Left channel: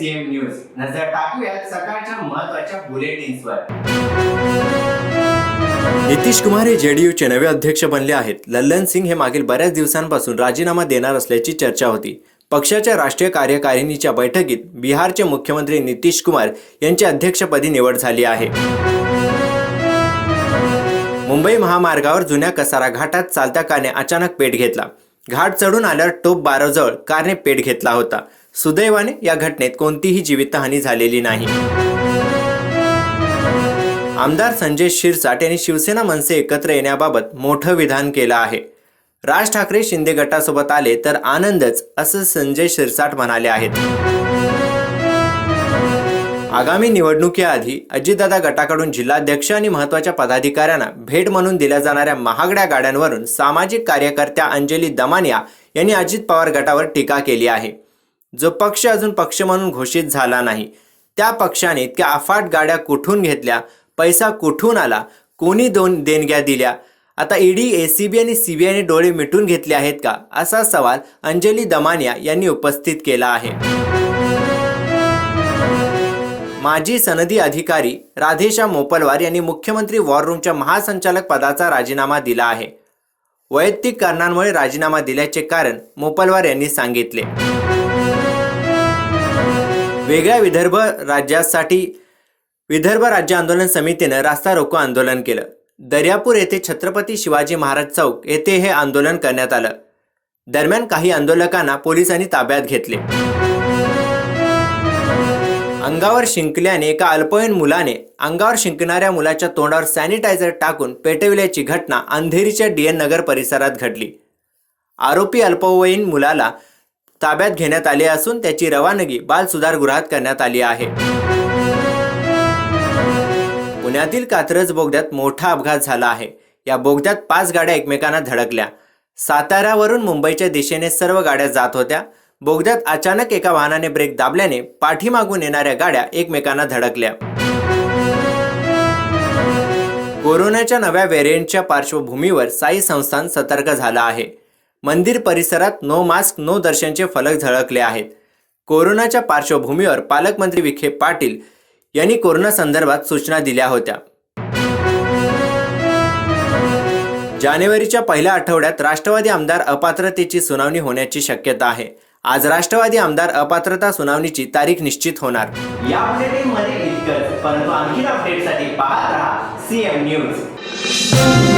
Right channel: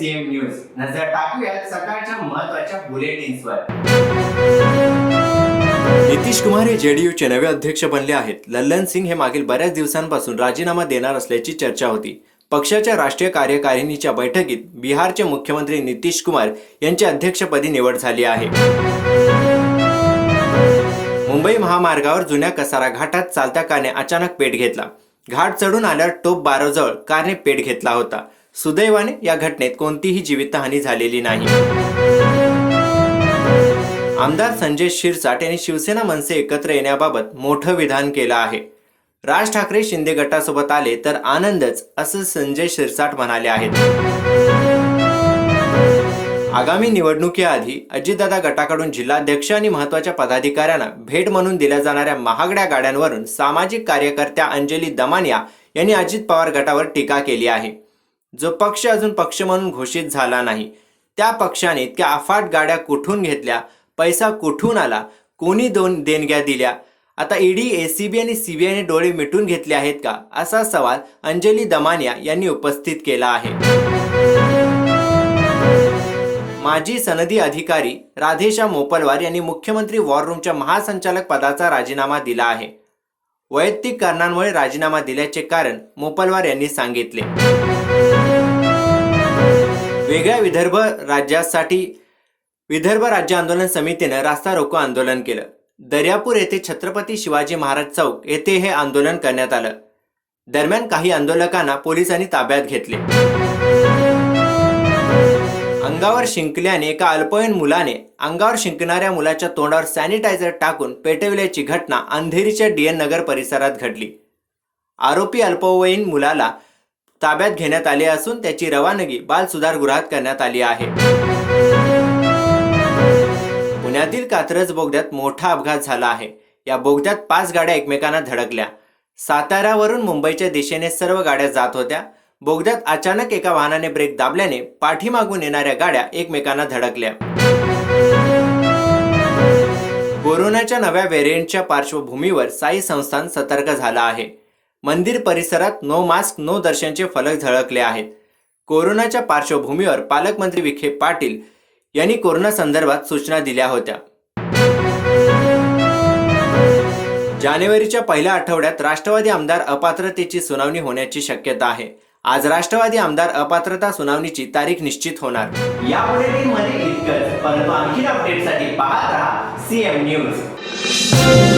CM news. नजर टाकूयात सकाळच्या महत्त्वाच्या बुलेटिन्सवर. नितीश कुमार हे जेडीयूचे नवे अध्यक्ष बनले आहेत. लल्लन सिंग हे मागील बऱ्याच दिवसांपासून राजीनामा देणार असल्याची चर्चा होती. पक्षाच्या राष्ट्रीय कार्यकारिणीच्या बैठकीत बिहारचे मुख्यमंत्री नितीश कुमार यांची अध्यक्षपदी निवड झाली आहे. मुंबई महामार्गावर जुन्या कसारा घाटात चालत्या कारने अचानक पेट घेतला. घाट चढून आल्यावर टोप बाराजवळ कारने पेट घेतला होता. सुदैवाने या घटनेत कोणतीही जीवितहानी झालेली नाही. आमदार संजय शिरसाट यांनी शिवसेना मनसे एकत्र येण्याबाबत मोठं विधान केलं आहे. राज ठाकरे शिंदे गटासोबत आले तर आनंदच, असं संजय शिरसाट म्हणाले आहेत. आगामी निवडणुकीआधी अजितदादा गटाकडून जिल्हाध्यक्ष आणि महत्त्वाच्या पदाधिकाऱ्यांना भेट म्हणून दिल्या जाणाऱ्या महागड्या गाड्यांवरून सामाजिक कार्यकर्त्या अंजली दमानिया यांनी अजित पवार गटावर टीका केली आहे. जो पक्ष अजून पक्ष म्हणून घोषित झाला नाही, त्या पक्षाने इतक्या अफाट गाड्या कुठून घेतल्या, पैसा कुठून आला, कोणी देणग्या दिल्या, आता ईडी, एसीबी आणि सीबीआयने डोळे मिटून घेतले आहेत का, असा सवाल अंजली दमानिया यांनी उपस्थित केला आहे. माजी सनदी अधिकारी राधेशा मोपलवार यांनी मुख्यमंत्री वॉर रूमच्या महासंचालक पदाचा राजीनामा दिला आहे. वैयक्तिक कारणांमुळे राजीनामा दिल्याचे कारण मोपलवार यांनी सांगितले. वेगळ्या विदर्भ राज्यासाठी विदर्भ राज्य आंदोलन समितीने रास्ता रोको आंदोलन केलं. दर्यापूर येथे छत्रपती शिवाजी महाराज चौक येथे हे आंदोलन करण्यात आलं. दरम्यान काही आंदोलकांना पोलिसांनी ताब्यात घेतले. अंगावर शिंकल्याने एका अल्पवयीन मुलाने अंगावर शिंकणाऱ्या मुलाच्या तोंडावर सॅनिटायझर टाकून पेटविल्याची घटना अंधेरीच्या डीएन नगर परिसरात घडली. आरोपी अल्पवयीन मुलाला ताब्यात घेण्यात आले असून त्याची रवानगी बाल सुधारगृहात करण्यात आली आहे. पुण्यातील कात्रज बोगद्यात मोठा अपघात झाला आहे. या बोगद्यात 5 गाड्या एकमेकांना धडकल्या. साताऱ्यावरून मुंबईच्या दिशेने सर्व गाड्या जात होत्या. बोगद्यात अचानक एका वाहनाने ब्रेक दाबल्याने पाठीमागून येणाऱ्या गाड्या एकमेकांना धडकल्या. कोरोनाच्या नव्या व्हेरियंटच्या पार्श्वभूमीवर साई संस्थान सतर्क झालं आहे. मंदिर परिसरात नो मास्क नो दर्शनचे फलक झळकले आहेत. कोरोनाच्या पार्श्वभूमीवर पालकमंत्री विखे पाटील यांनी कोरोना संदर्भात सूचना दिल्या होत्या. जानेवारीच्या पहिल्या आठवड्यात राष्ट्रवादी आमदार अपात्रतेची सुनावणी होण्याची शक्यता आहे. आज राष्ट्रवादी आमदार अपात्रता सुनावणीची तारीख निश्चित होणार. या बुलेटिन मध्ये इतकंच, परंतु आणखी अपडेटसाठी पाहत राहा सीएम न्यूज.